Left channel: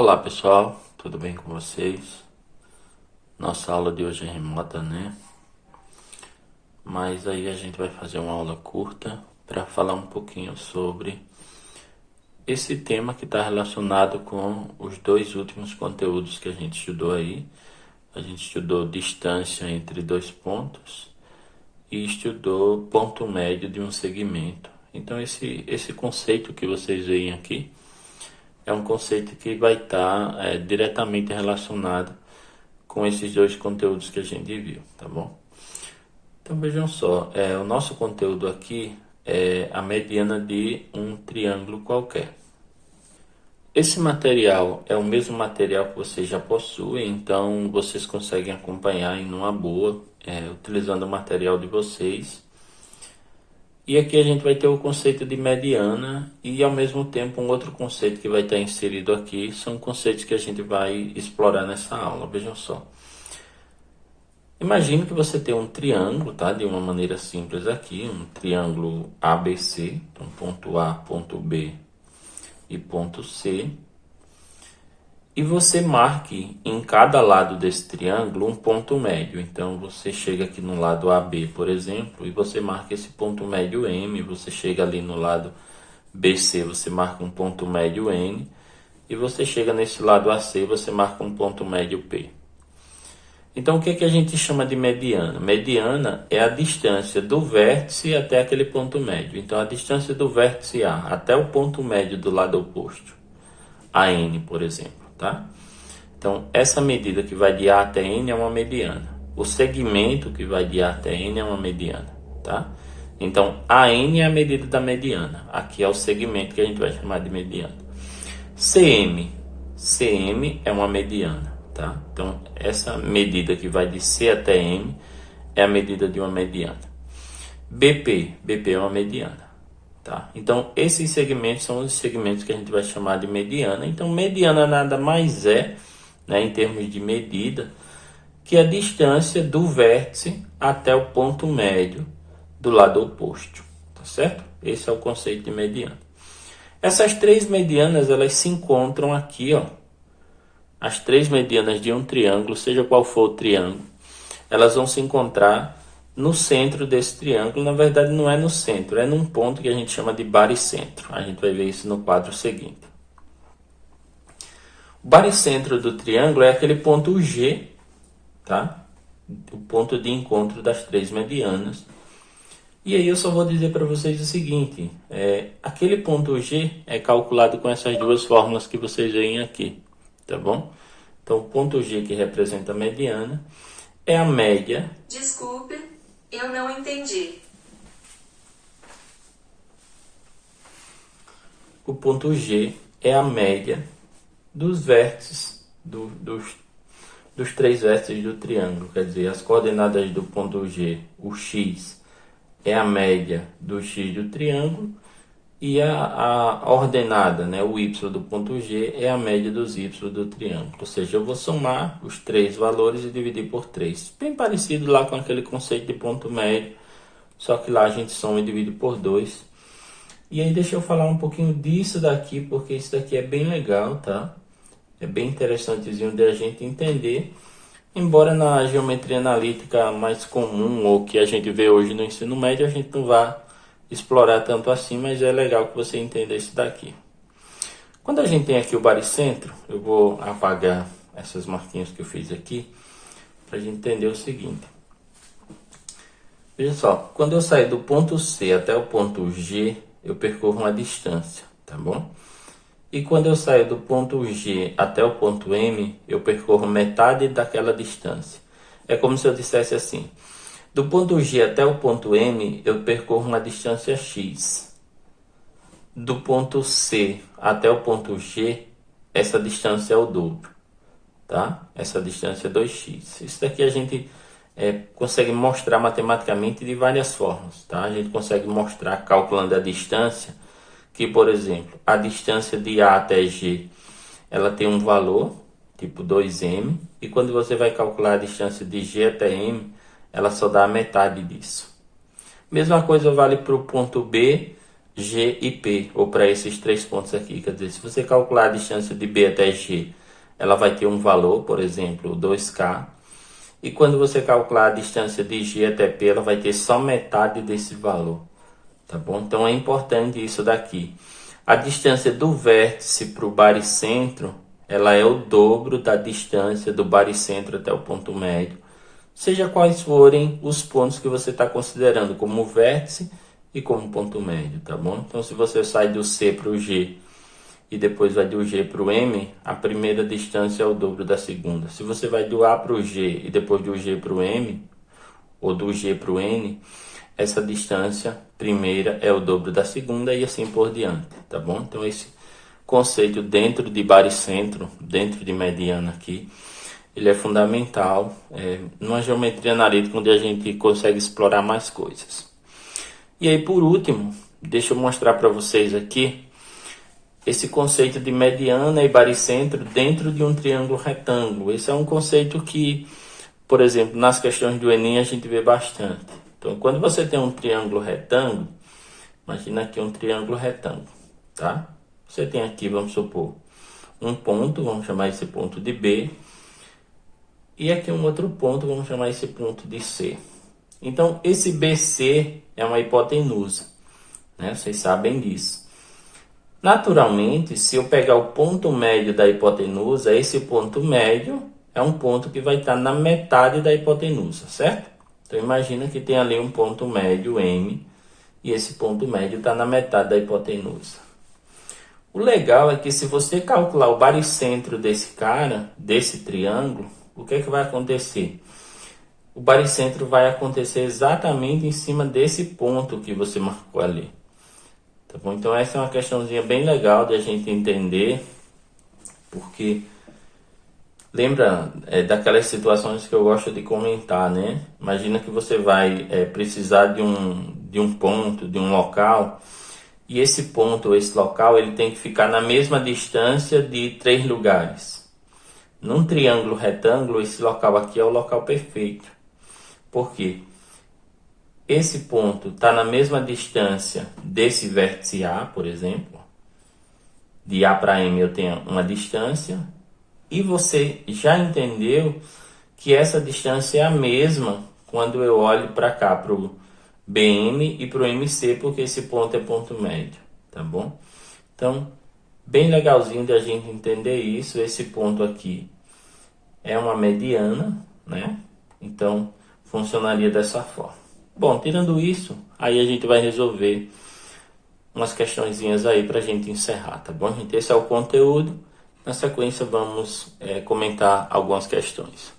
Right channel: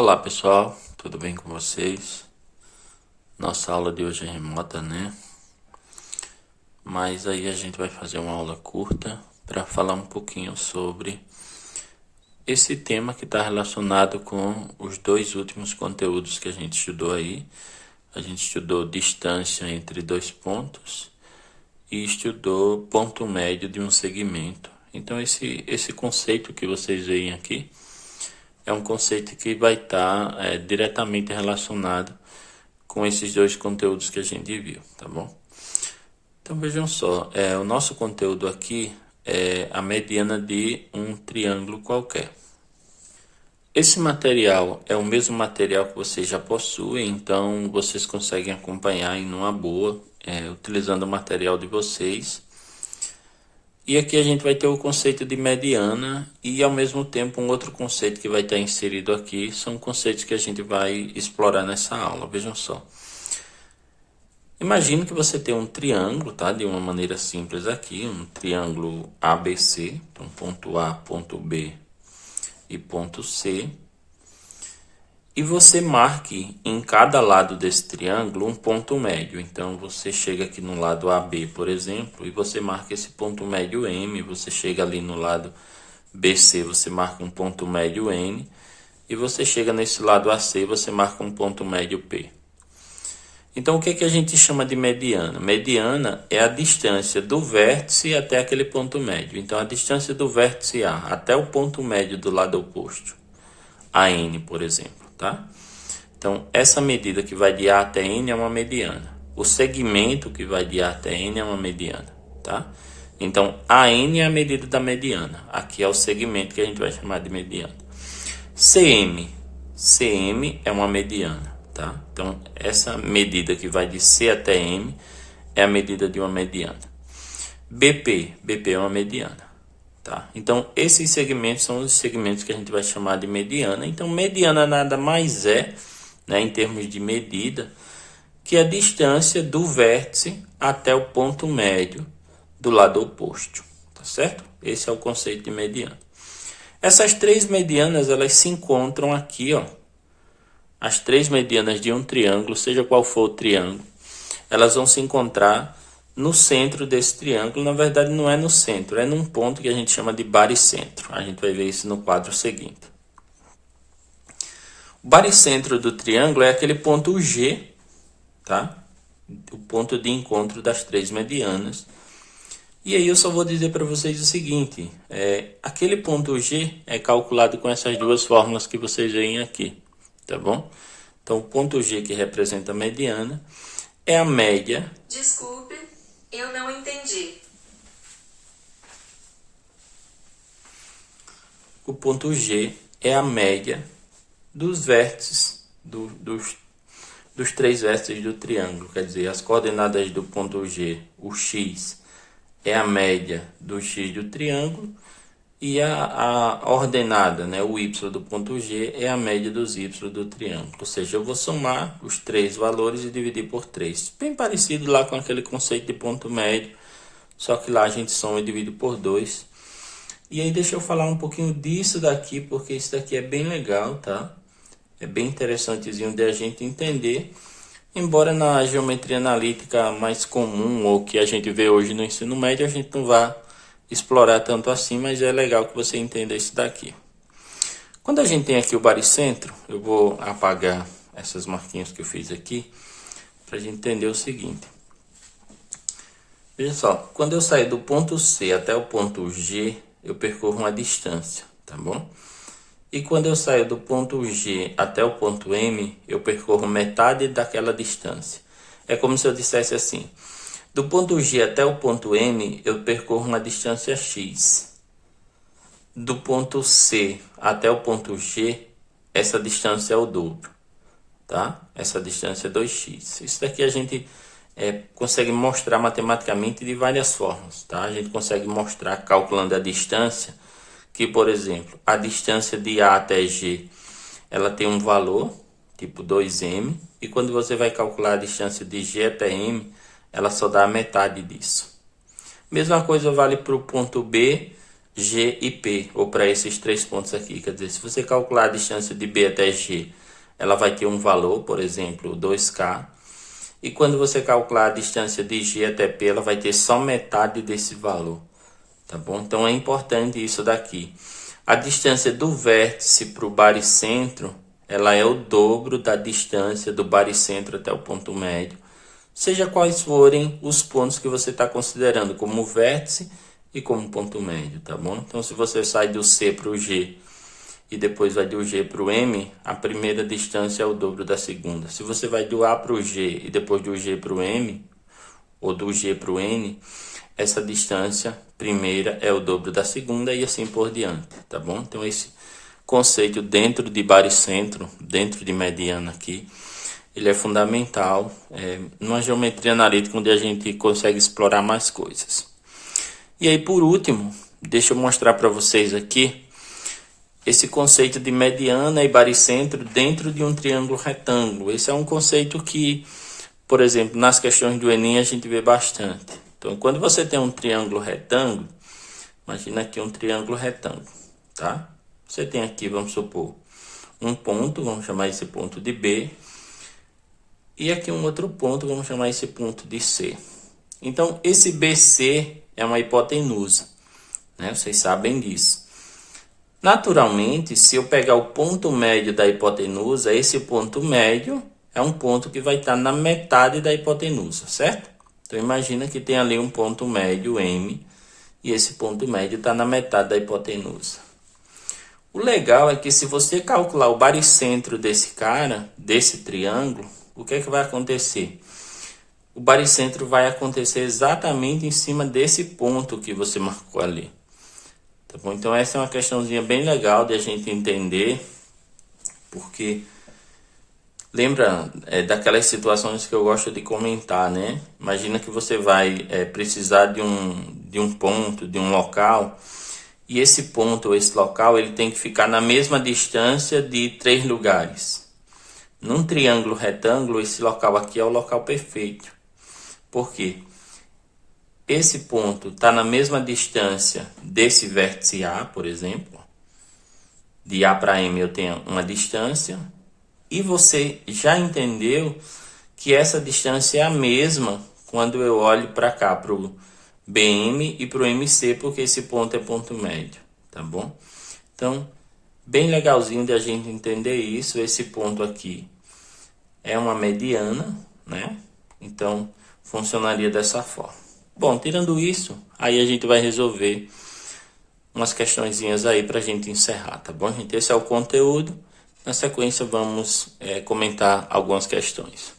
Olá pessoal, tudo bem com vocês? Nossa aula de hoje é remota, né? Mas aí a gente vai fazer uma aula curta para falar um pouquinho sobre esse tema que está relacionado com os dois últimos conteúdos que a gente estudou aí. A gente estudou distância entre dois pontos e estudou ponto médio de um segmento. Então esse conceito que vocês veem aqui é um conceito que vai estar diretamente relacionado com esses dois conteúdos que a gente viu, tá bom? Então vejam só, o nosso conteúdo aqui é a mediana de um triângulo qualquer. Esse material é o mesmo material que vocês já possuem, então vocês conseguem acompanhar em uma boa, utilizando o material de vocês. E aqui a gente vai ter o conceito de mediana e ao mesmo tempo um outro conceito que vai estar inserido aqui, são conceitos que a gente vai explorar nessa aula, vejam só. Imagine que você tem um triângulo, tá? De uma maneira simples aqui, um triângulo ABC, então ponto A, ponto B e ponto C. E você marque em cada lado desse triângulo um ponto médio. Então você chega aqui no lado AB, por exemplo, e você marca esse ponto médio M. Você chega ali no lado BC, você marca um ponto médio N. E você chega nesse lado AC, você marca um ponto médio P. Então o que a gente chama de mediana? Mediana é a distância do vértice até aquele ponto médio. Então a distância do vértice A até o ponto médio do lado oposto, AN, por exemplo. Tá? Então, essa medida que vai de A até N é uma mediana. O segmento que vai de A até N é uma mediana. Tá? Então, AN é a medida da mediana. Aqui é o segmento que a gente vai chamar de mediana. CM é uma mediana. Tá? Então, essa medida que vai de C até M é a medida de uma mediana. BP é uma mediana. Tá? Então, esses segmentos são os segmentos que a gente vai chamar de mediana. Então, mediana nada mais é, né, em termos de medida, que a distância do vértice até o ponto médio do lado oposto. Tá certo? Esse é o conceito de mediana. Essas três medianas, elas se encontram aqui, ó. As três medianas de um triângulo, seja qual for o triângulo, elas vão se encontrar no centro desse triângulo. Na verdade, não é no centro, é num ponto que a gente chama de baricentro. A gente vai ver isso no quadro seguinte. O baricentro do triângulo é aquele ponto G, tá? O ponto de encontro das três medianas. E aí eu só vou dizer para vocês o seguinte, aquele ponto G é calculado com essas duas fórmulas que vocês veem aqui, tá bom? Então, o ponto G, que representa a mediana, é a média... Desculpe, eu não entendi. O ponto G é a média dos vértices, dos três vértices do triângulo. Quer dizer, as coordenadas do ponto G, o x, é a média do x do triângulo. E a ordenada, né, o y do ponto G, é a média dos y do triângulo. Ou seja, eu vou somar os três valores e dividir por 3. Bem parecido lá com aquele conceito de ponto médio, só que lá a gente soma e divide por 2. E aí deixa eu falar um pouquinho disso daqui, porque isso daqui é bem legal, tá? É bem interessantezinho de a gente entender. Embora na geometria analítica mais comum, ou que a gente vê hoje no ensino médio, a gente não vá explorar tanto assim, mas é legal que você entenda isso daqui. Quando a gente tem aqui o baricentro, eu vou apagar essas marquinhas que eu fiz aqui, para a gente entender o seguinte. Veja só, quando eu sair do ponto C até o ponto G, eu percorro uma distância, tá bom? E quando eu saio do ponto G até o ponto M, eu percorro metade daquela distância. É como se eu dissesse assim, do ponto G até o ponto M, eu percorro uma distância x. Do ponto C até o ponto G, essa distância é o dobro, tá? Essa distância é 2x. Isso daqui a gente consegue mostrar matematicamente de várias formas, tá? A gente consegue mostrar calculando a distância, que, por exemplo, a distância de A até G, ela tem um valor, tipo 2m, e quando você vai calcular a distância de G até M, ela só dá a metade disso. Mesma coisa vale para o ponto B G e P, ou para esses 3 pontos aqui. Quer dizer, se você calcular a distância de B até G, ela vai ter um valor, por exemplo, 2K. E quando você calcular a distância de G até P, ela vai ter só metade desse valor. Tá bom? Então é importante isso daqui. A distância do vértice para o baricentro, ela é o dobro da distância do baricentro até o ponto médio. Seja quais forem os pontos que você está considerando como vértice e como ponto médio, tá bom? Então se você sai do C para o G e depois vai do G para o M, a primeira distância é o dobro da segunda. Se você vai do A para o G e depois do G para o M, ou do G para o N, essa distância primeira é o dobro da segunda e assim por diante, tá bom? Então esse conceito dentro de baricentro, dentro de mediana aqui, ele é fundamental numa geometria analítica onde a gente consegue explorar mais coisas. E aí por último, deixa eu mostrar para vocês aqui esse conceito de mediana e baricentro dentro de um triângulo retângulo. Esse é um conceito que, por exemplo, nas questões do Enem a gente vê bastante. Então, quando você tem um triângulo retângulo, imagina aqui um triângulo retângulo, tá? Você tem aqui, vamos supor, um ponto, vamos chamar esse ponto de B, e aqui um outro ponto, vamos chamar esse ponto de C. Então, esse BC é uma hipotenusa, né? Vocês sabem disso. Naturalmente, se eu pegar o ponto médio da hipotenusa, esse ponto médio é um ponto que vai estar na metade da hipotenusa, certo? Então, imagina que tem ali um ponto médio, M, e esse ponto médio está na metade da hipotenusa. O legal é que se você calcular o baricentro desse cara, desse triângulo, o que é que vai acontecer? O baricentro vai acontecer exatamente em cima desse ponto que você marcou ali. Tá bom? Então essa é uma questãozinha bem legal de a gente entender, porque lembra daquelas situações que eu gosto de comentar, né? Imagina que você vai precisar de um ponto, de um local, e esse ponto ou esse local ele tem que ficar na mesma distância de 3 lugares. Num triângulo retângulo, esse local aqui é o local perfeito. Por quê? Esse ponto está na mesma distância desse vértice A, por exemplo. De A para M eu tenho uma distância. E você já entendeu que essa distância é a mesma quando eu olho para cá, para o BM e para o MC, porque esse ponto é ponto médio, tá bom? Então, bem legalzinho de a gente entender isso. Esse ponto aqui é uma mediana, né? Então, funcionaria dessa forma. Bom, tirando isso, aí a gente vai resolver umas questõezinhas aí para a gente encerrar, tá bom, gente? Esse é o conteúdo. Na sequência, vamos comentar algumas questões.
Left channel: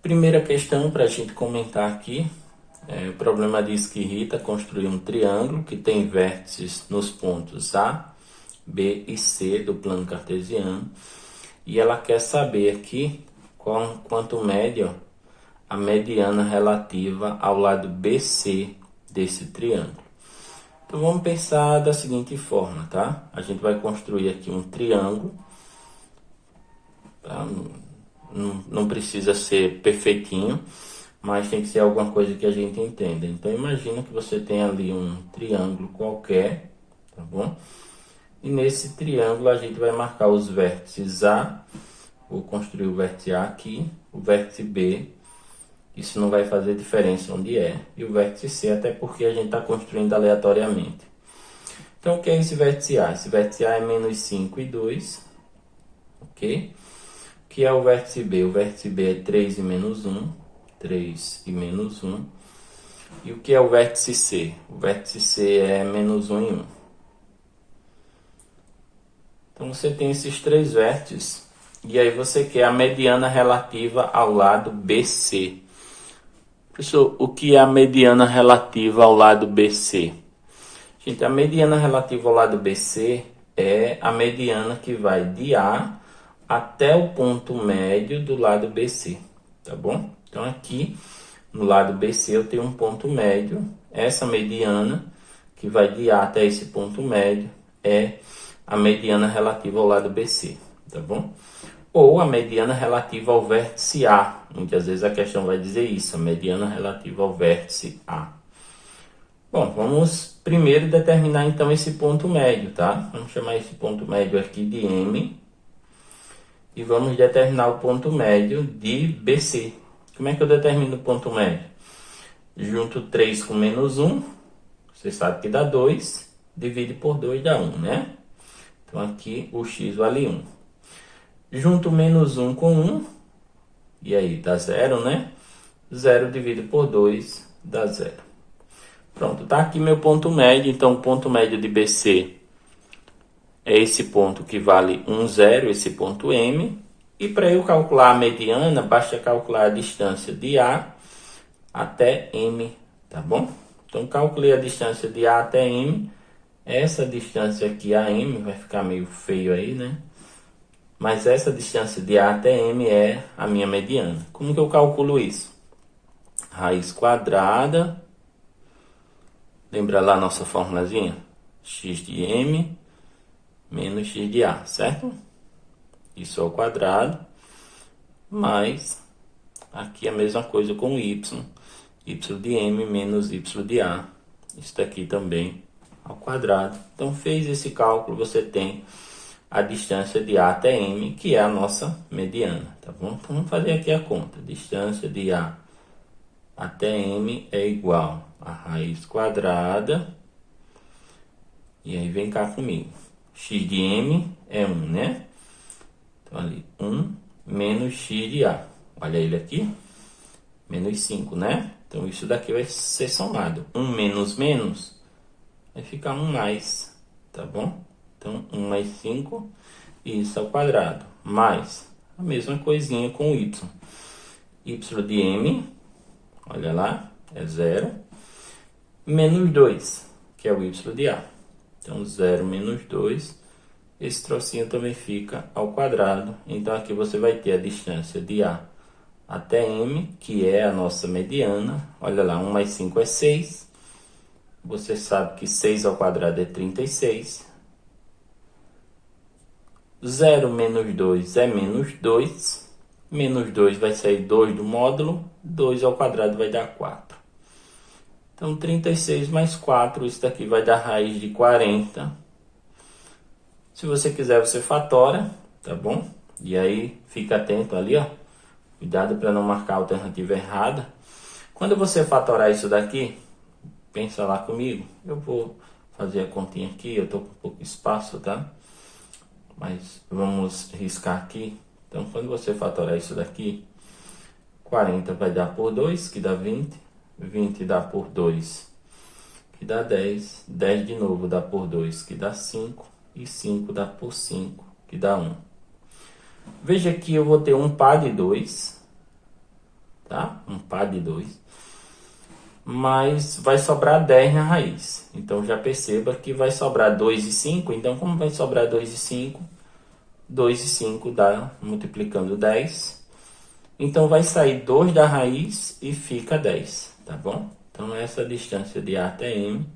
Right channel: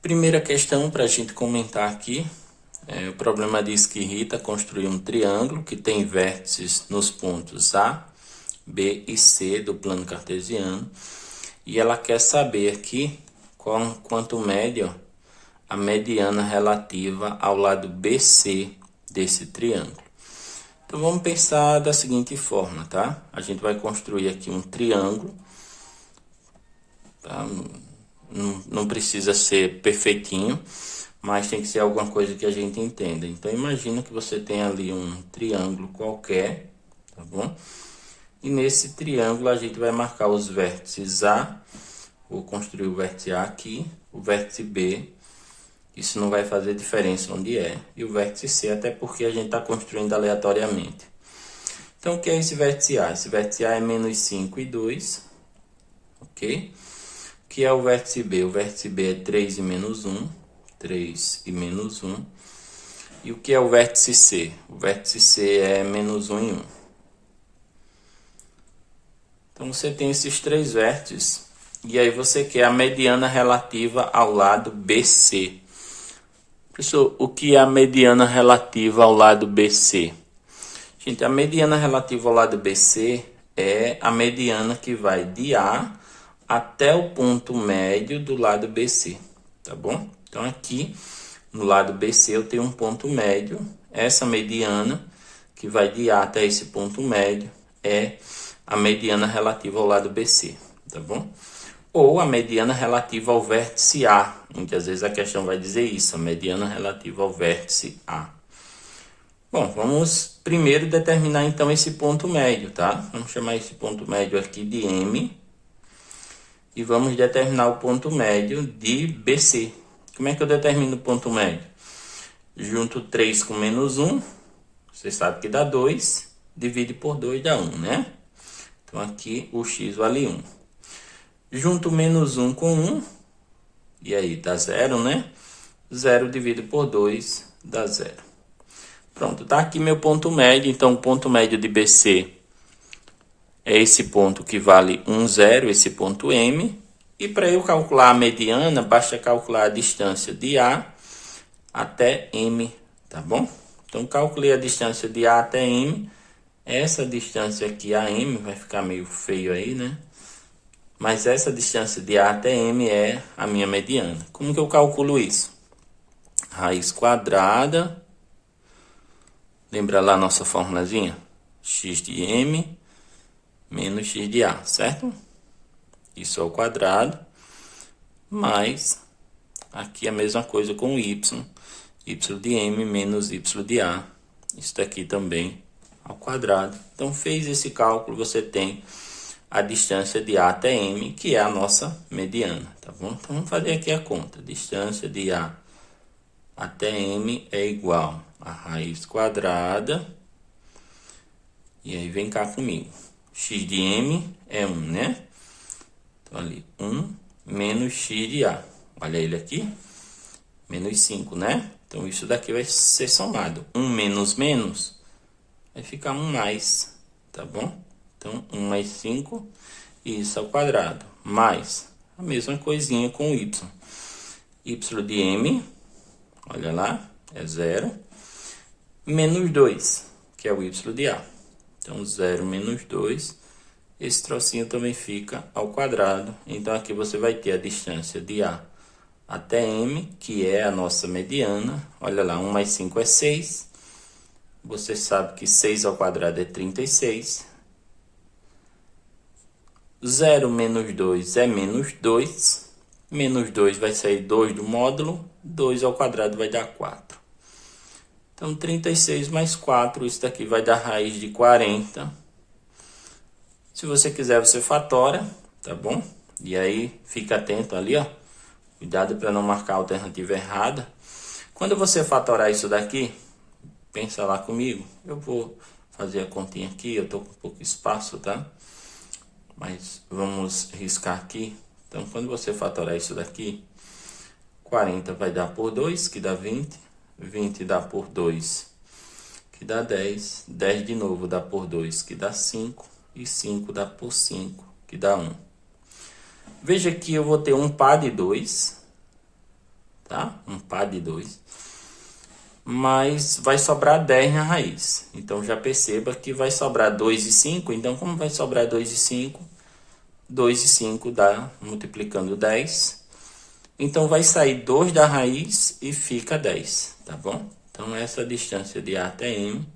Primeira questão para a gente comentar aqui. O problema diz que Rita construiu um triângulo que tem vértices nos pontos A, B e C do plano cartesiano. E ela quer saber aqui quanto mede a mediana relativa ao lado BC desse triângulo. Então vamos pensar da seguinte forma, tá? A gente vai construir aqui um triângulo, tá? Não precisa ser perfeitinho, mas tem que ser alguma coisa que a gente entenda. Então imagina que você tem ali um triângulo qualquer, tá bom? E nesse triângulo a gente vai marcar os vértices A, vou construir o vértice A aqui, o vértice B, isso não vai fazer diferença onde é, e o vértice C, até porque a gente está construindo aleatoriamente. Então, o que é esse vértice A? Esse vértice A é menos 5 e 2, ok? O que é o vértice B? O vértice B é 3 e menos 1, 3 e menos 1. E o que é o vértice C? O vértice C é menos 1 e 1. Então, você tem esses 3 vértices, e aí você quer a mediana relativa ao lado BC. Professor, o que é a mediana relativa ao lado BC? Gente, a mediana relativa ao lado BC é a mediana que vai de A até o ponto médio do lado BC, tá bom? Então, aqui no lado BC eu tenho um ponto médio. Essa mediana que vai de A até esse ponto médio é a mediana relativa ao lado BC, tá bom? ou a mediana relativa ao vértice A. Muitas vezes a questão vai dizer isso, a mediana relativa ao vértice A. Bom, vamos primeiro determinar então esse ponto médio, tá? Vamos chamar esse ponto médio aqui de M. E vamos determinar o ponto médio de BC. Como é que eu determino o ponto médio? Junto 3 com menos 1, você sabe que dá 2, divide por 2 dá 1, né? Então aqui o x vale 1. Junto menos 1 com 1, e aí dá 0, né? 0 dividido por 2 dá 0. Pronto, tá aqui meu ponto médio. Então o ponto médio de BC é esse ponto que vale 1, 0, esse ponto M. E para eu calcular a mediana, basta calcular a distância de A até M, tá bom? Então calculei a distância de A até M. Essa distância aqui, AM, vai ficar meio feio aí, né? Mas essa distância de A até M é a minha mediana. Como que eu calculo isso? Raiz quadrada. Lembra lá a nossa formulazinha? X de M menos X de A, certo? Isso ao quadrado. Mais, aqui a mesma coisa com Y. Y de M menos Y de A. Isso daqui também ao quadrado. Então, fez esse cálculo, você tem a distância de A até M, que é a nossa mediana, tá bom? Então, vamos fazer aqui a conta. Distância de A até M é igual a raiz quadrada. E aí, vem cá comigo. X de M é 1, né? Então, ali, 1 menos X de A. Olha ele aqui. Menos 5, né? Então, isso daqui vai ser somado. 1 menos menos vai ficar 1 mais, tá bom? Então, 1 mais 5, e isso ao quadrado. Mais a mesma coisinha com o Y. Y de M, olha lá, é 0. Menos 2, que é o Y de A. Então, 0 menos 2, esse trocinho também fica ao quadrado. Então, aqui você vai ter a distância de A até M, que é a nossa mediana. Olha lá, 1 mais 5 é 6. Você sabe que 6 ao quadrado é 36. 0 menos 2 é menos 2. Menos 2 vai sair 2 do módulo. 2 ao quadrado vai dar 4. Então, 36 mais 4, isso daqui vai dar raiz de 40. Se você quiser, você fatora, tá bom? E aí, fica atento ali, ó. Cuidado para não marcar a alternativa errada. Quando você fatorar isso daqui, pensa lá comigo. Eu vou fazer a continha aqui, eu tô com pouco espaço, tá? Mas vamos riscar aqui. Então, quando você fatorar isso daqui, 40 vai dar por 2, que dá 20. 20 dá por 2, que dá 10. 10 de novo dá por 2, que dá 5. E 5 dá por 5, que dá 1. Veja que eu vou ter um par de 2, tá? Um par de 2. Mas vai sobrar 10 na raiz. Então, já perceba que vai sobrar 2 e 5. Então, como vai sobrar 2 e 5? 2 e 5 dá, multiplicando 10. Então, vai sair 2 da raiz e fica 10, tá bom? Então, essa distância de A até M,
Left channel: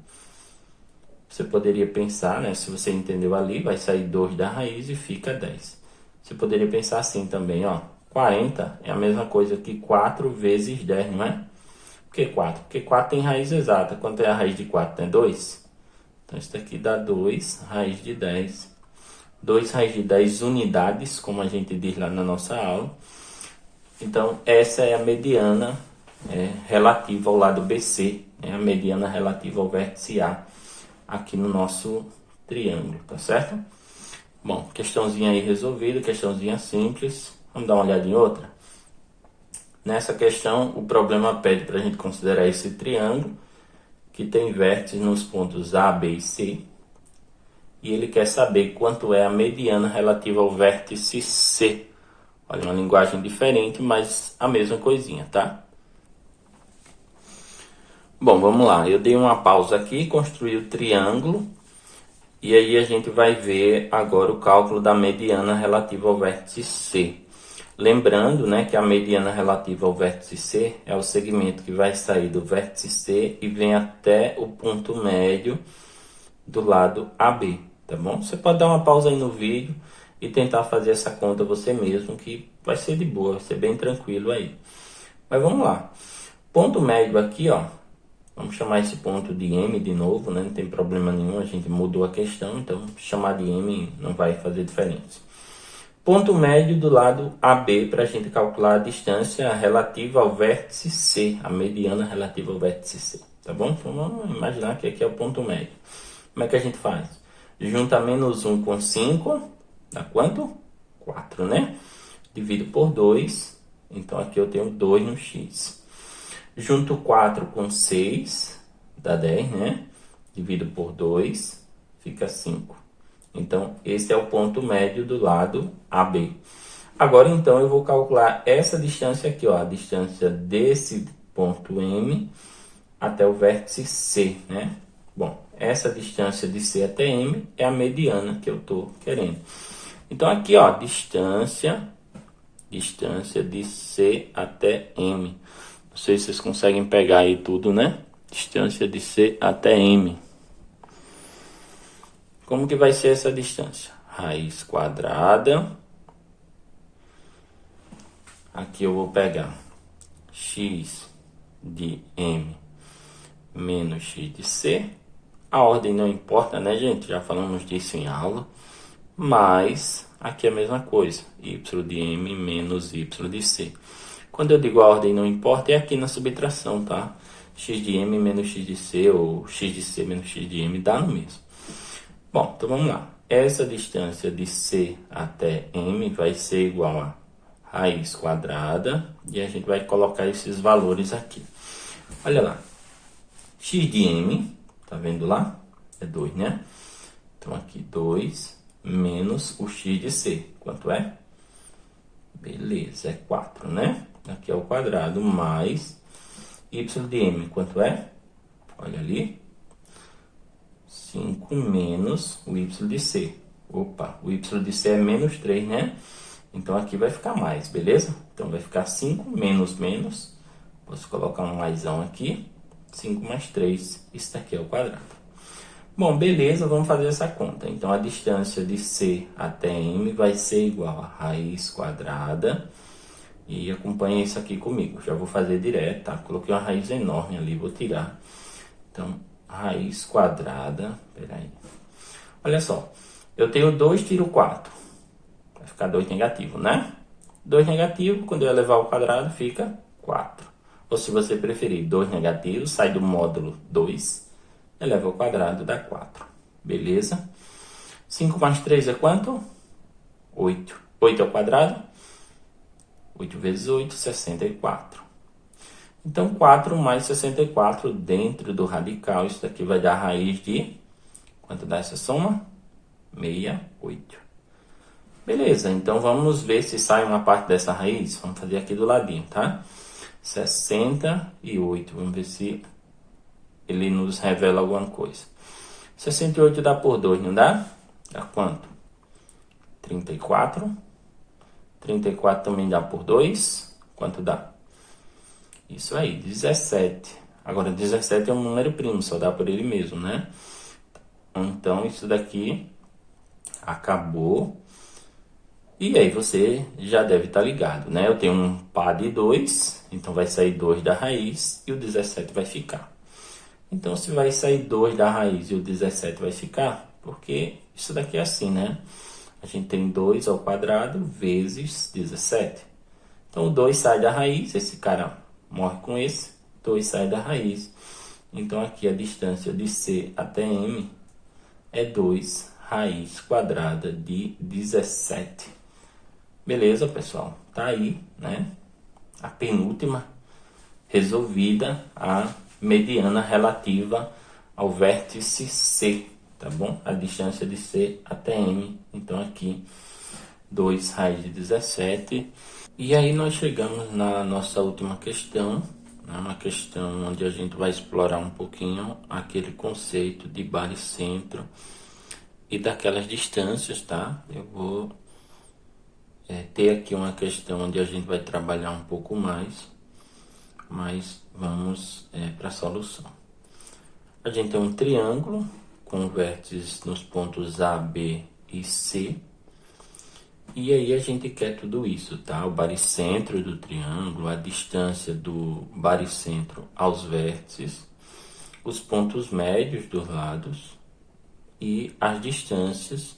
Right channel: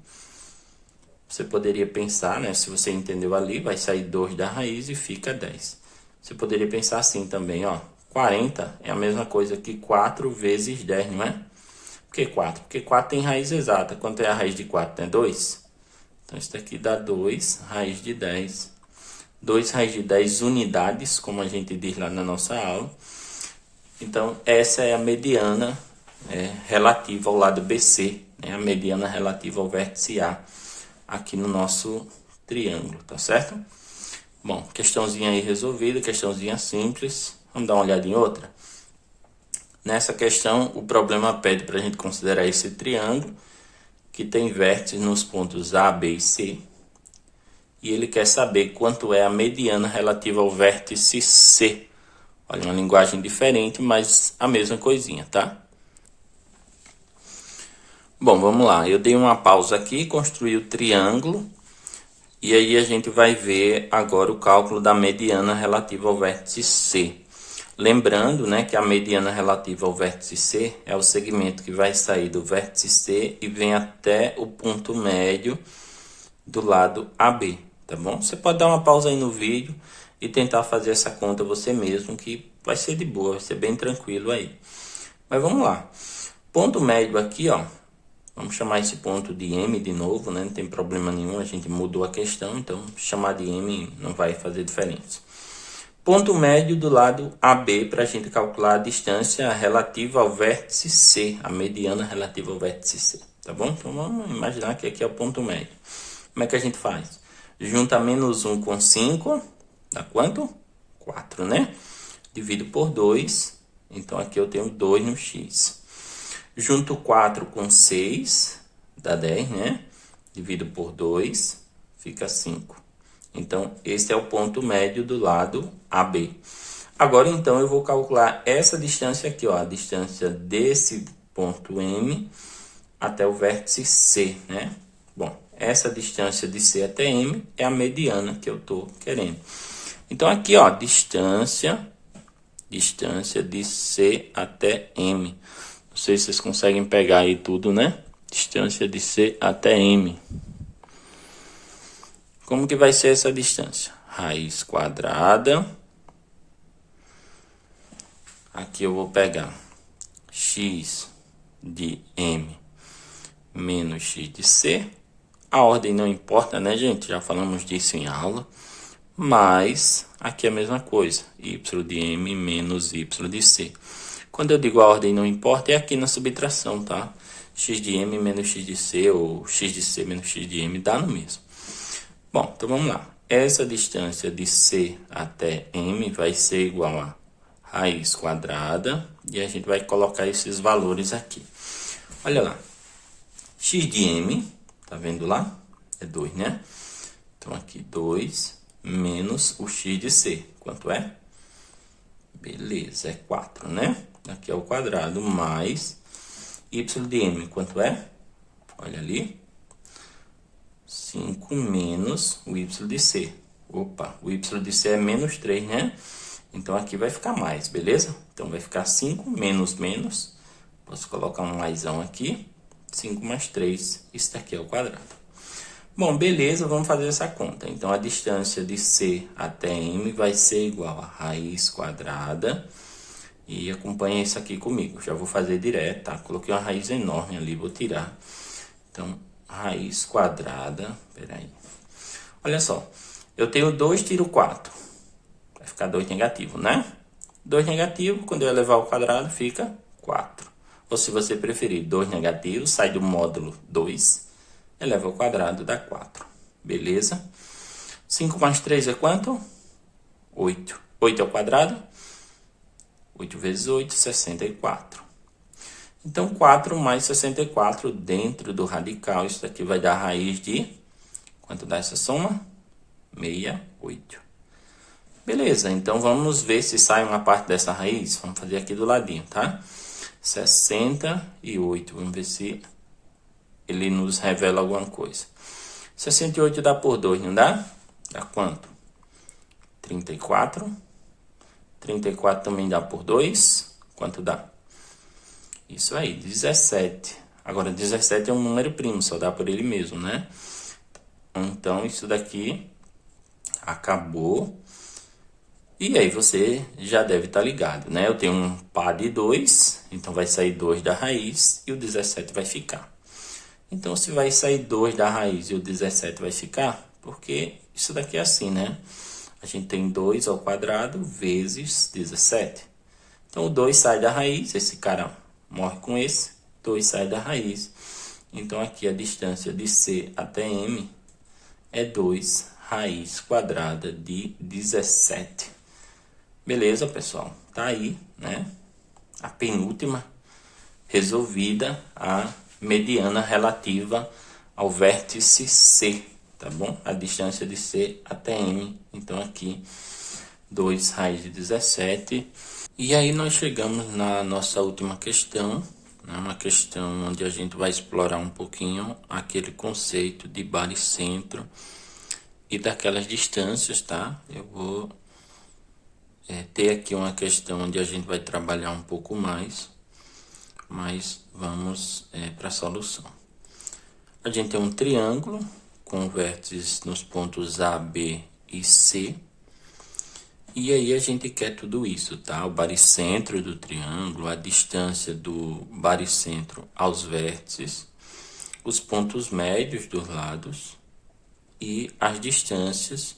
você poderia pensar, né? Se você entendeu ali, vai sair 2 da raiz e fica 10. Você poderia pensar assim também, ó. 40 é a mesma coisa que 4 vezes 10, não é? Por que 4? Porque 4 tem raiz exata. Quanto é a raiz de 4? É 2. Então, isso daqui dá 2 raiz de 10. 2 raiz de 10 unidades, como a gente diz lá na nossa aula. Então, essa é a mediana relativa ao lado BC, né? A mediana relativa ao vértice A, aqui no nosso triângulo, tá certo? Bom, questãozinha aí resolvida, questãozinha simples. Vamos dar uma olhada em outra? Nessa questão, o problema pede para a gente considerar esse triângulo, que tem vértices nos pontos A, B e C. E ele quer saber quanto é a mediana relativa ao vértice C. Olha, uma linguagem diferente, mas a mesma coisinha, tá? Bom, vamos lá. Eu dei uma pausa aqui, construí o triângulo. E aí a gente vai ver agora o cálculo da mediana relativa ao vértice C. Lembrando, né, que a mediana relativa ao vértice C é o segmento que vai sair do vértice C e vem até o ponto médio do lado AB, tá bom? Você pode dar uma pausa aí no vídeo. e tentar fazer essa conta você mesmo, que vai ser de boa, vai ser bem tranquilo aí. Mas vamos lá. Ponto médio aqui, ó. Vamos chamar esse ponto de M de novo, né? Não tem problema nenhum, a gente mudou a questão, então chamar de M não vai fazer diferença. Ponto médio do lado AB para a gente calcular a distância relativa ao vértice C, a mediana relativa ao vértice C, tá bom? Então vamos imaginar que aqui é o ponto médio. Como é que a gente faz? Junta menos 1 com 5, dá quanto? 4, né? Divido por 2, então aqui eu tenho 2 no x. Junto 4 com 6, dá 10, né? Divido por 2, fica 5. Então, esse é o ponto médio do lado AB. Agora, então, eu vou calcular essa distância aqui, ó. A distância desse ponto M até o vértice C, né? Bom, essa distância de C até M é a mediana que eu tô querendo. Então, aqui, ó, distância de C até M. Não sei se vocês conseguem pegar aí tudo, né? Distância de C até M. Como que vai ser essa distância? Raiz quadrada. Aqui eu vou pegar x de M menos x de C. A ordem não importa, né, gente? Já falamos disso em aula. Mas aqui é a mesma coisa. Y de M menos Y de C. Quando eu digo a ordem não importa, é aqui na subtração, tá? X de M menos X de C, ou X de C menos X de M, dá no mesmo. Bom, então vamos lá. Essa distância de C até M vai ser igual a raiz quadrada, e a gente vai colocar esses valores aqui. Olha lá. X de M, tá vendo lá? É 2, né? Então aqui 2 menos o X de C. Quanto é? Beleza, é 4, né? Aqui é o quadrado, mais y de m, quanto é? Olha ali. 5 menos o y de c. Opa, o y de c é menos 3, né? Então, aqui vai ficar mais, beleza? Então, vai ficar 5 menos menos. Posso colocar um maisão aqui. 5 mais 3. Isso daqui é o quadrado. Bom, beleza, vamos fazer essa conta. Então, a distância de C até M vai ser igual a raiz quadrada. E acompanha isso aqui comigo. Já vou fazer direto, tá? Coloquei uma raiz enorme ali, vou tirar. Então, raiz quadrada. Peraí. Olha só. Eu tenho 2, tiro 4. Vai ficar 2 negativo, né? 2 negativo, quando eu elevar ao quadrado, fica 4. Ou se você preferir 2 negativo, sai do módulo 2. Eleva ao quadrado, dá 4. Beleza? 5 mais 3 é quanto? 8. 8 ao quadrado? 8 vezes 8, 64. Então, 4 mais 64 dentro do radical. Isso daqui vai dar raiz de... Quanto dá essa soma? 68. Beleza, então vamos ver se sai uma parte dessa raiz. Vamos fazer aqui do ladinho, tá? 68. Vamos ver se ele nos revela alguma coisa. 68 dá por 2, não dá? Dá quanto? 34. 34 também dá por 2. Quanto dá? Isso aí, 17. Agora, 17 é um número primo, só dá por ele mesmo, né? Então, isso daqui acabou. E aí, você já deve estar ligado, né? Eu tenho um par de 2, então vai sair 2 da raiz e o 17 vai ficar. Então, se vai sair 2 da raiz e o 17 vai ficar, porque isso daqui é assim, né? A gente tem 2 ao quadrado vezes 17. Então, o 2 sai da raiz, esse cara morre com esse, 2 sai da raiz. Então, aqui a distância de C até M é 2 raiz quadrada de 17. Beleza, pessoal? Tá aí, né? A penúltima resolvida, a mediana relativa ao vértice C, tá bom? A distância de C até M. Então, aqui, 2 raiz de 17. E aí, nós chegamos na nossa última questão, né? Uma questão onde a gente vai explorar um pouquinho aquele conceito de baricentro e daquelas distâncias, tá? Eu vou ter aqui uma questão onde a gente vai trabalhar um pouco mais, mas vamos para a solução. A gente tem um triângulo com vértices nos pontos A, B e C. E aí a gente quer tudo isso, tá? O baricentro do triângulo, a distância do baricentro aos vértices, os pontos médios dos lados e as distâncias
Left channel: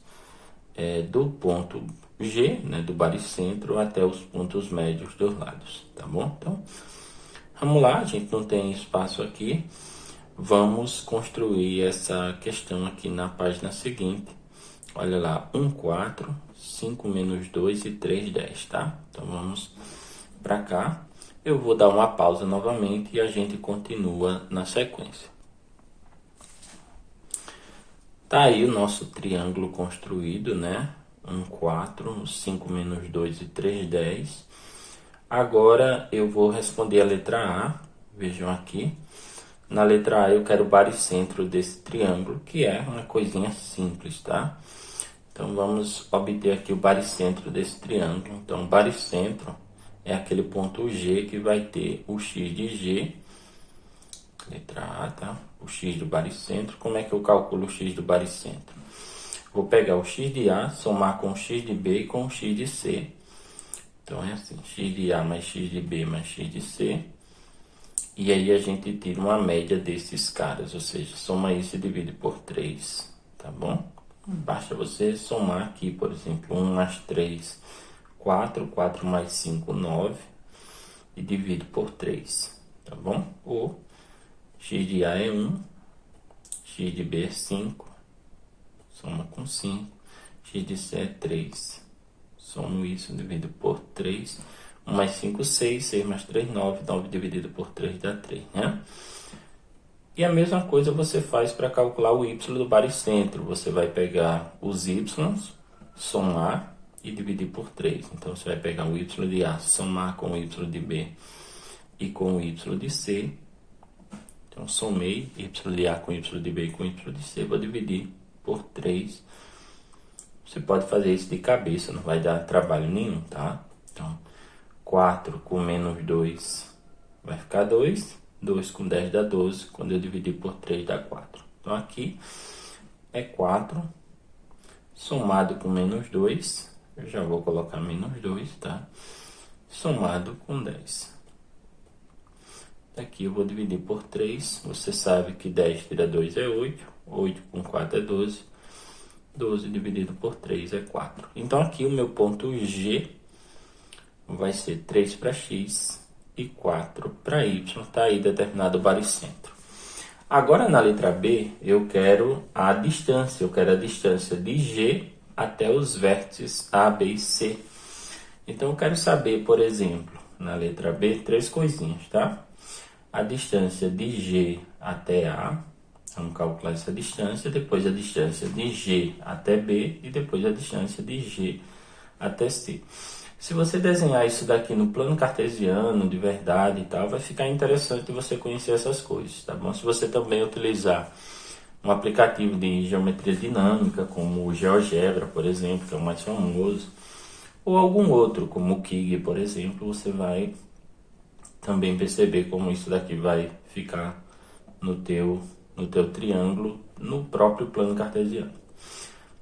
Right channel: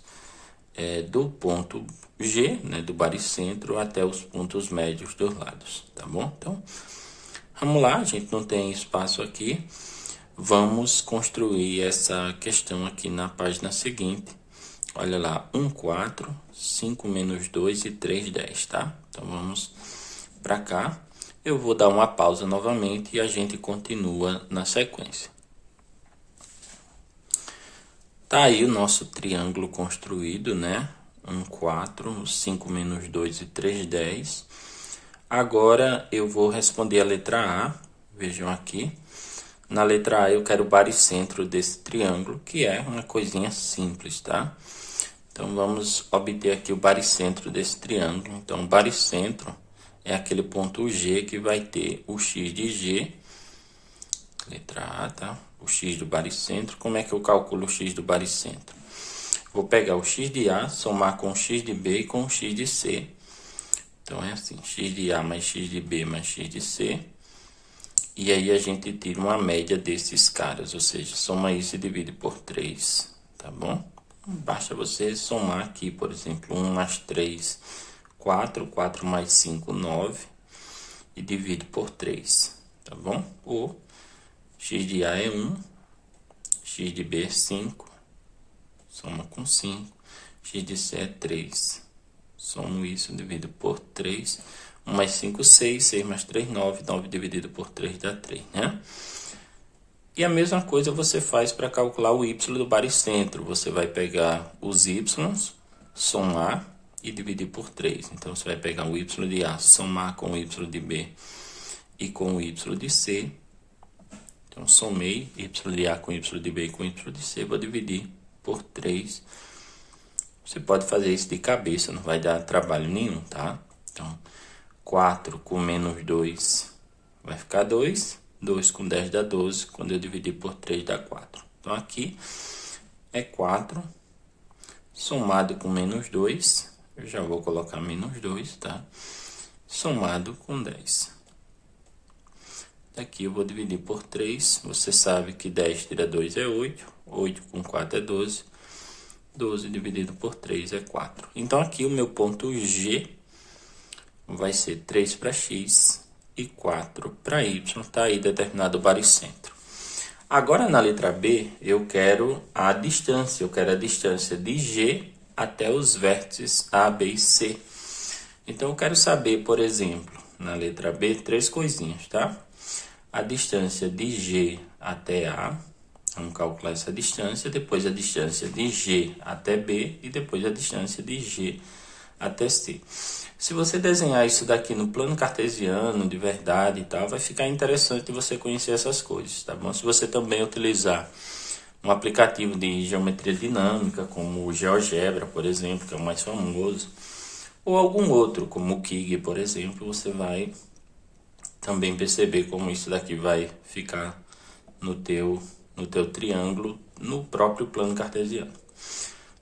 do ponto G, né, do baricentro, até os pontos médios dos lados, tá bom? Então, vamos lá, a gente não tem espaço aqui. Vamos construir essa questão aqui na página seguinte. Olha lá, 1, 4, 5 menos 2 e 3, 10, tá? Então, vamos para cá. Eu vou dar uma pausa novamente e a gente continua na sequência. Tá aí o nosso triângulo construído, né? 1, 4, 5 menos 2 e 3, 10. Agora, eu vou responder a letra A. Vejam aqui. Na letra A, eu quero o baricentro desse triângulo, que é uma coisinha simples, tá? Então, vamos obter aqui o baricentro desse triângulo. Então, o baricentro é aquele ponto G que vai ter o x de G. Letra A, tá? O x do baricentro. Como é que eu calculo o x do baricentro? Vou pegar o x de A, somar com o x de B e com o x de C. Então, é assim, x de A mais x de B mais x de C. E aí, a gente tira uma média desses caras, ou seja, soma isso e divide por 3, tá bom? Basta você somar aqui, por exemplo, 1 mais 3, 4, 4 mais 5, 9, e divide por 3, tá bom? Ou x de A é 1, x de B é 5, soma com 5, x de C é 3, somo isso, divido por 3, 1 mais 5, 6, 6 mais 3, 9, 9 dividido por 3 dá 3, né? E a mesma coisa você faz para calcular o y do baricentro. Você vai pegar os y, somar e dividir por 3. Então, você vai pegar o y de A, somar com o y de B e com o y de C. Então, somei y de A com y de B e com y de C. Vou dividir por 3. Você pode fazer isso de cabeça, não vai dar trabalho nenhum, tá? Então, 4 com menos 2 vai ficar 2. 2 com 10 dá 12. Quando eu dividir por 3 dá 4. Então, aqui é 4 somado com menos 2. Eu já vou colocar menos 2, tá? Somado com 10. Aqui eu vou dividir por 3. Você sabe que 10 tira 2 é 8. 8 com 4 é 12. 12 dividido por 3 é 4. Então, aqui o meu ponto G vai ser 3 para x e 4 para y. Está aí determinado o baricentro. Agora, na letra B, eu quero a distância. Eu quero a distância de G até os vértices A, B e C. Então, eu quero saber, por exemplo, na letra B, 3 coisinhas, tá? A distância de G até A. Vamos calcular essa distância. Depois, a distância de G até B. E depois, a distância de G até C. Se você desenhar isso daqui no plano cartesiano, de verdade e tal, vai ficar interessante você conhecer essas coisas, tá bom? Se você também utilizar um aplicativo de geometria dinâmica, como o GeoGebra, por exemplo, que é o mais famoso, ou algum outro, como o Kigg, por exemplo, você vai também perceber como isso daqui vai ficar no teu triângulo, no próprio plano cartesiano.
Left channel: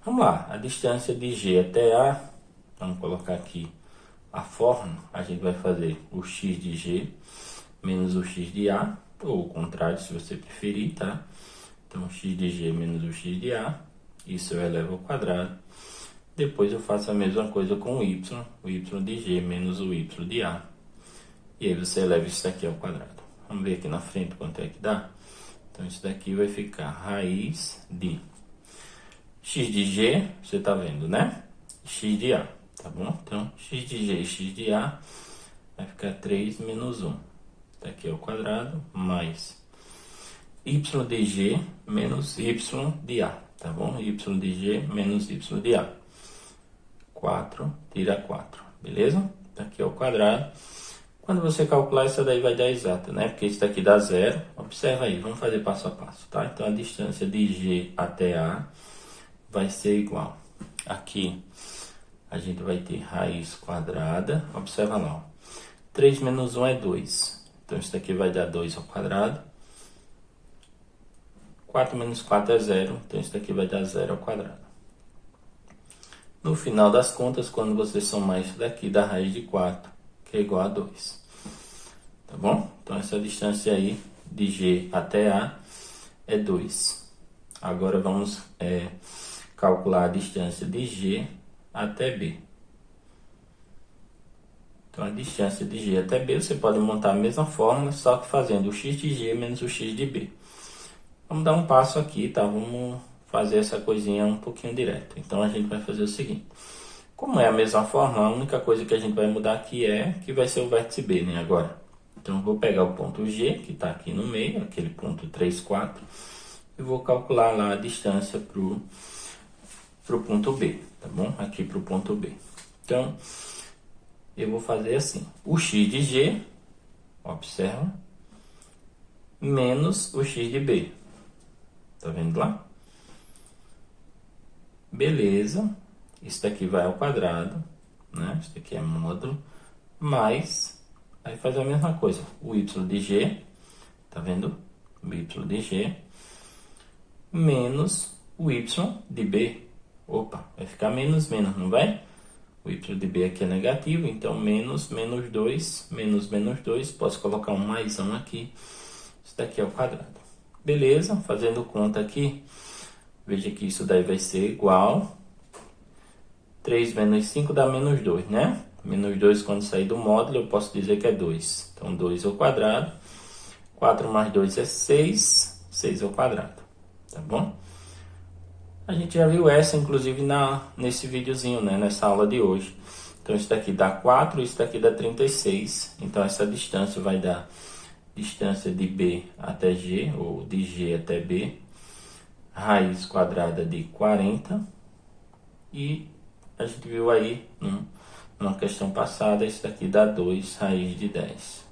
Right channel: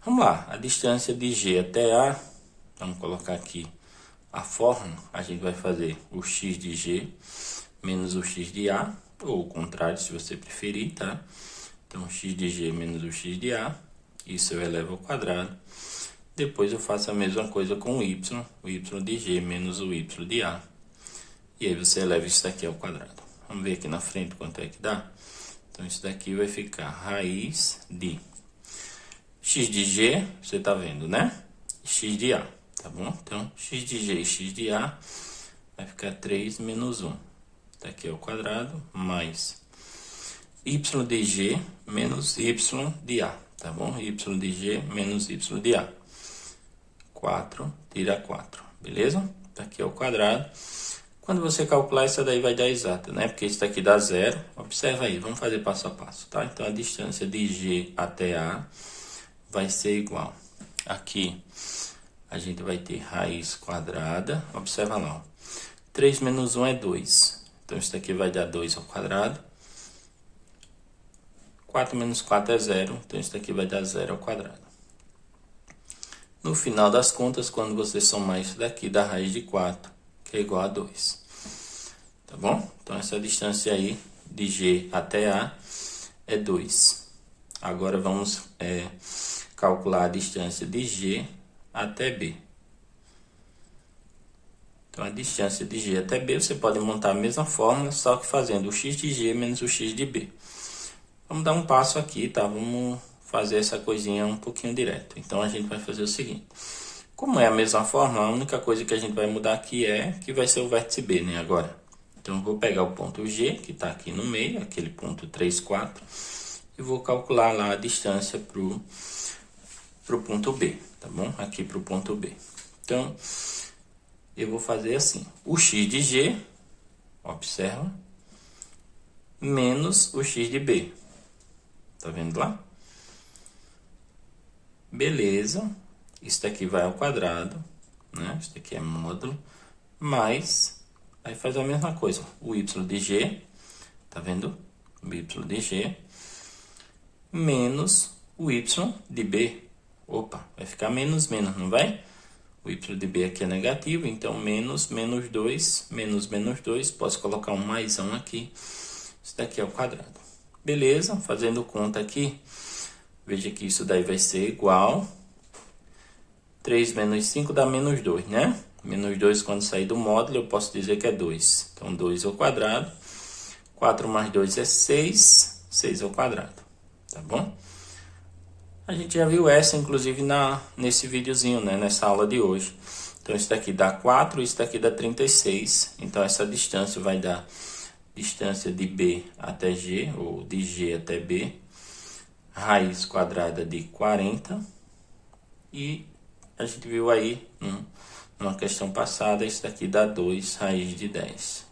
Vamos lá, a distância de G até A, vamos colocar aqui a fórmula, a gente vai fazer o x de G menos o x de A, ou o contrário, se você preferir, tá? Então, x de G menos o x de A, isso eu elevo ao quadrado. Depois eu faço a mesma coisa com o y de G menos o y de A. E aí você eleva isso daqui ao quadrado. Vamos ver aqui na frente quanto é que dá? Então, isso daqui vai ficar raiz de x de G, você tá vendo, né? X de A. Tá bom? Então, x de G e x de A vai ficar 3 menos 1. Daqui ao quadrado, mais y de G menos y de A. Tá bom? Y de G menos y de A. 4, tira 4. Beleza? Daqui ao quadrado. Quando você calcular, isso daí vai dar exata, né? Porque isso daqui dá 0. Observa aí, vamos fazer passo a passo, tá? Então, a distância de G até A vai ser igual. Aqui a gente vai ter raiz quadrada. Observa lá, ó. 3 menos 1 é 2. Então, isso daqui vai dar 2 ao quadrado. 4 menos 4 é 0. Então, isso daqui vai dar 0 ao quadrado. No final das contas, quando você somar isso daqui, dá raiz de 4, que é igual a 2. Tá bom? Então, essa distância aí de G até A é 2. Agora, vamos calcular a distância de G até B. Então, a distância de G até B, você pode montar a mesma fórmula, só que fazendo o x de G menos o x de B. Vamos dar um passo aqui, tá? Vamos fazer essa coisinha um pouquinho direto. Então, a gente vai fazer o seguinte. Como é a mesma fórmula, a única coisa que a gente vai mudar aqui é que vai ser o vértice B, né? Agora. Então, eu vou pegar o ponto G, que está aqui no meio, aquele ponto 3, 4, e vou calcular lá a distância pro ponto B, tá bom? Aqui pro ponto B. Então, eu vou fazer assim. O x de G, observa, menos o x de B. Tá vendo lá? Beleza. Isso daqui vai ao quadrado, né? Isso daqui é módulo, mais, aí faz a mesma coisa. O y de G, tá vendo? O y de G, menos o y de B. Opa, vai ficar menos, não vai? O y de B aqui é negativo, então menos 2, menos 2, posso colocar um mais 1 aqui. Isso daqui é o quadrado. Beleza, fazendo conta aqui, veja que isso daí vai ser igual 3 menos 5 dá menos 2, né? Menos 2 quando sair do módulo, eu posso dizer que é 2. Então, 2 ao quadrado. 4 mais 2 é 6. 6 ao quadrado. Tá bom? A gente já viu essa, inclusive, nesse videozinho, né? Nessa aula de hoje. Então, isso daqui dá 4, isso daqui dá 36. Então, essa distância vai dar distância de B até G, ou de G até B. Raiz quadrada de 40. E a gente viu aí, numa questão passada, isso daqui dá 2 raiz de 10.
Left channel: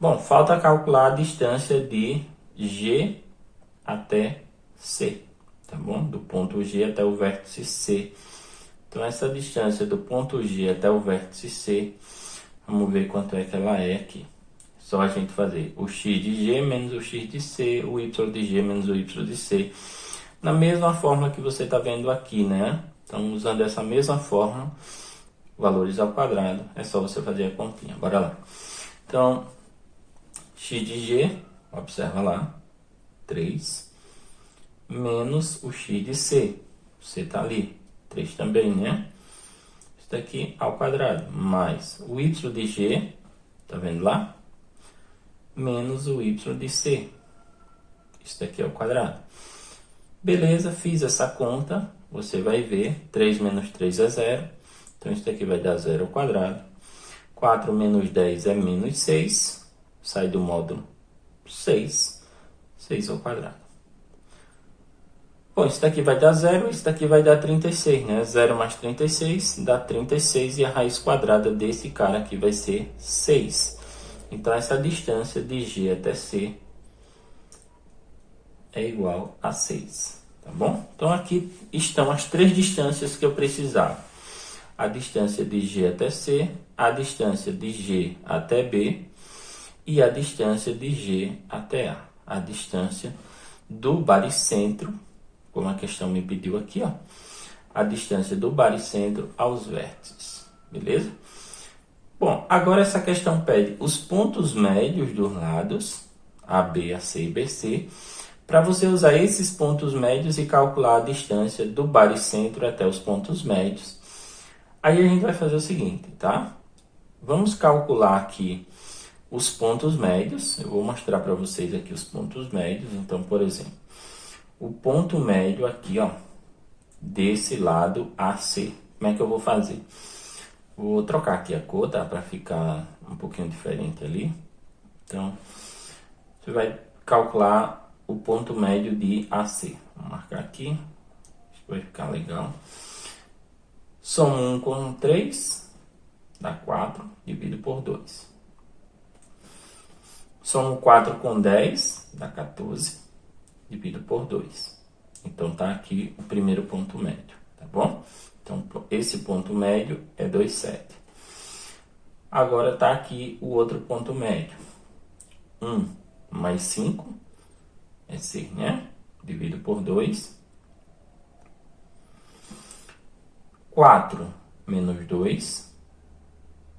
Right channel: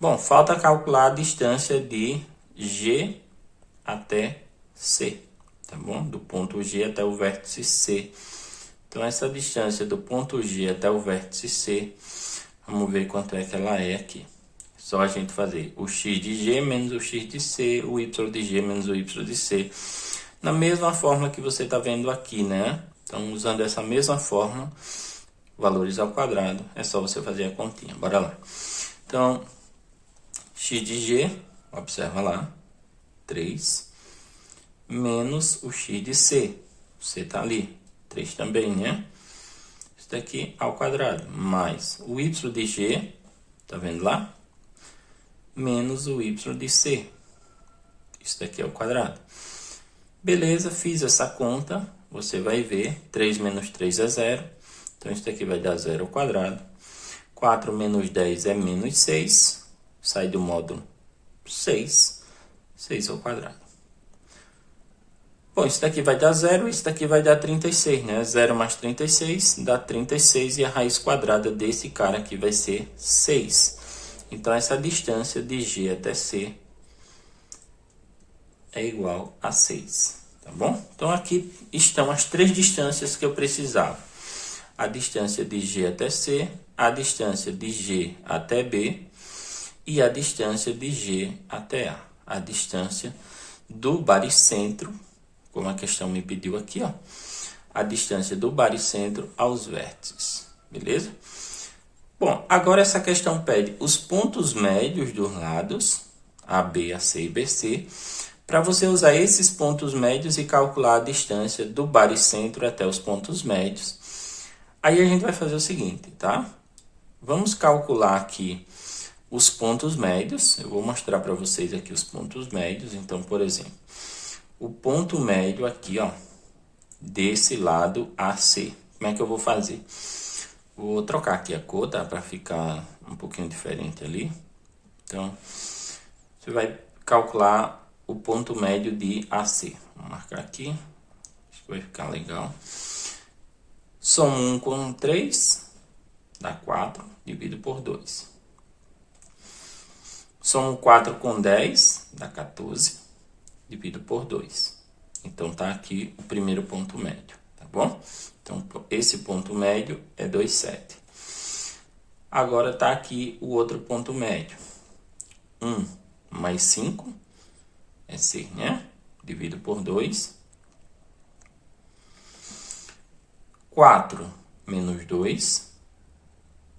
Bom, falta calcular a distância de G até C, tá bom? Do ponto G até o vértice C. Então, essa distância do ponto G até o vértice C, vamos ver quanto é que ela é aqui. Só a gente fazer o x de G menos o x de C, o y de G menos o y de C. Na mesma fórmula que você está vendo aqui, né? Então, usando essa mesma fórmula, valores ao quadrado, é só você fazer a continha. Bora lá. Então, x de G, observa lá, 3, menos o x de C. C está ali, 3 também, né? Isso daqui ao quadrado, mais o y de G, tá vendo lá? Menos o y de C. Isso daqui ao quadrado. Beleza, fiz essa conta, você vai ver, 3 menos 3 é 0, então isso daqui vai dar 0 ao quadrado. 4 menos 10 é menos 6, sai do módulo 6, 6 ao quadrado. Bom, isso daqui vai dar 0, isso daqui vai dar 36, né? 0 mais 36 dá 36 e a raiz quadrada desse cara aqui vai ser 6. Então, essa distância de G até C é igual a 6, tá bom? Então, aqui estão as três distâncias que eu precisava. A distância de G até C, a distância de G até B e a distância de G até A. A distância do baricentro, como a questão me pediu aqui, ó. A distância do baricentro aos vértices, beleza? Bom, agora essa questão pede os pontos médios dos lados, AB, AC e BC, para você usar esses pontos médios e calcular a distância do baricentro até os pontos médios. Aí a gente vai fazer o seguinte, tá? Vamos calcular aqui os pontos médios. Eu vou mostrar para vocês aqui os pontos médios. Então, por exemplo, o ponto médio aqui, ó, desse lado AC. Como é que eu vou fazer? Vou trocar aqui a cor, tá? Para ficar um pouquinho diferente ali. Então, você vai calcular o ponto médio de AC. Vou marcar aqui. Acho que vai ficar legal. Somo 1 com 3, dá 4, divido por 2. Somo 4 com 10, dá 14, divido por 2. Então, tá aqui o primeiro ponto médio, tá bom? Então, esse ponto médio é 2,7. Agora, tá aqui o outro ponto médio. 1 mais 5 é 6, né? Divido por 2. 4 menos 2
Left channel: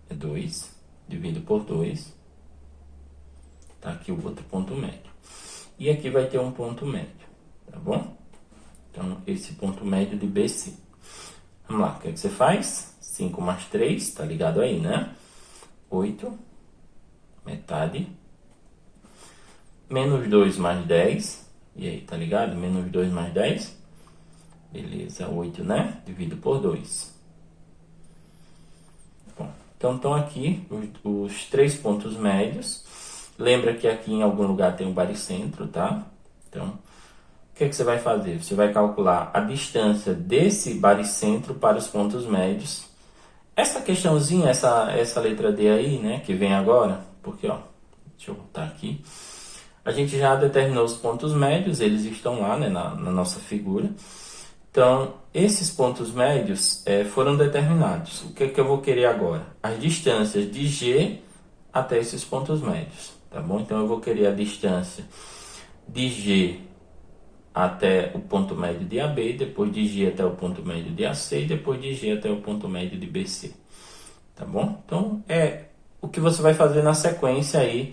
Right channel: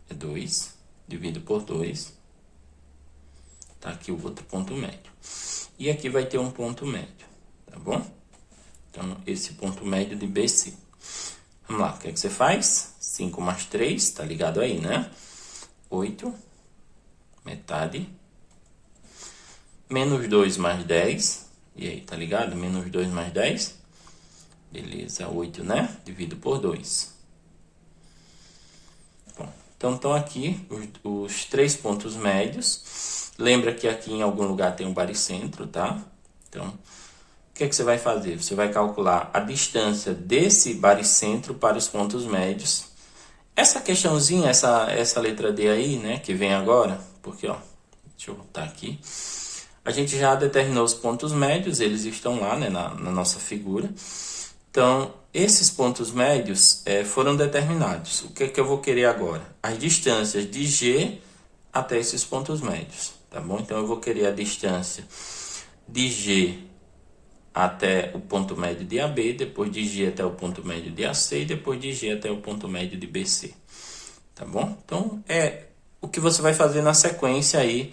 é 2, divido por 2. Tá aqui o outro ponto médio. E aqui vai ter um ponto médio, tá bom? Então, esse ponto médio de BC. Vamos lá, o que é que você faz? 5 mais 3, tá ligado aí, né? 8, metade. Menos 2 mais 10. E aí, tá ligado? Menos 2 mais 10. Beleza, 8, né? Divido por 2. Bom, então estão aqui os 3 pontos médios. Lembra que aqui em algum lugar tem um baricentro, tá? Então, o que é que você vai fazer? Você vai calcular a distância desse baricentro para os pontos médios. Essa questãozinha, essa letra D aí, né, que vem agora, porque, ó, deixa eu voltar aqui. A gente já determinou os pontos médios, eles estão lá, né, na nossa figura. Então, esses pontos médios foram determinados. O que é que eu vou querer agora? As distâncias de G até esses pontos médios, tá bom? Então, eu vou querer a distância de G até o ponto médio de AB, depois de G até o ponto médio de AC e depois de G até o ponto médio de BC, tá bom? Então, é o que você vai fazer na sequência aí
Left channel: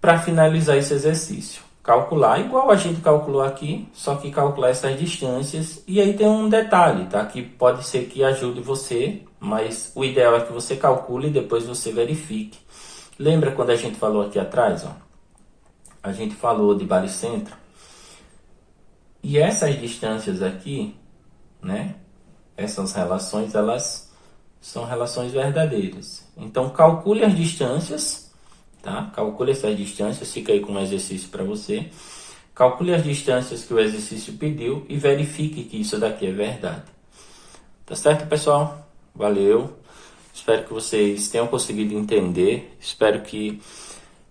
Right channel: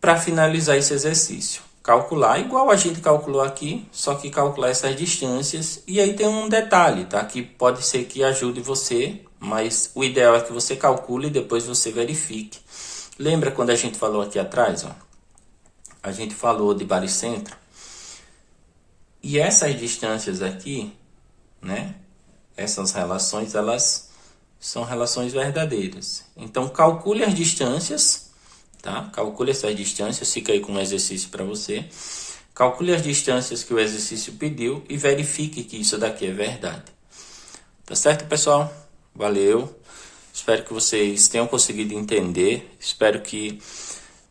para finalizar esse exercício. Calcular, igual a gente calculou aqui, só que calcular essas distâncias. E aí tem um detalhe, tá? Que pode ser que ajude você, mas o ideal é que você calcule e depois você verifique. Lembra quando a gente falou aqui atrás, ó? A gente falou de baricentro. E essas distâncias aqui, né? Essas relações, elas são relações verdadeiras. Então, calcule as distâncias, tá? Calcule essas distâncias, fica aí com um exercício para você. Calcule as distâncias que o exercício pediu e verifique que isso daqui é verdade. Tá certo, pessoal? Valeu. Espero que vocês tenham conseguido entender. Espero que,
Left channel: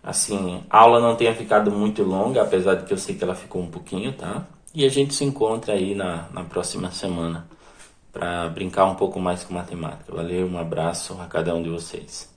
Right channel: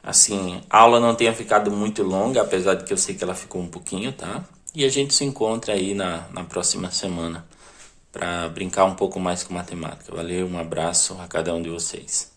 assim, a aula não tenha ficado muito longa, apesar de que eu sei que ela ficou um pouquinho, tá? E a gente se encontra aí na próxima semana para brincar um pouco mais com matemática. Valeu, um abraço a cada um de vocês.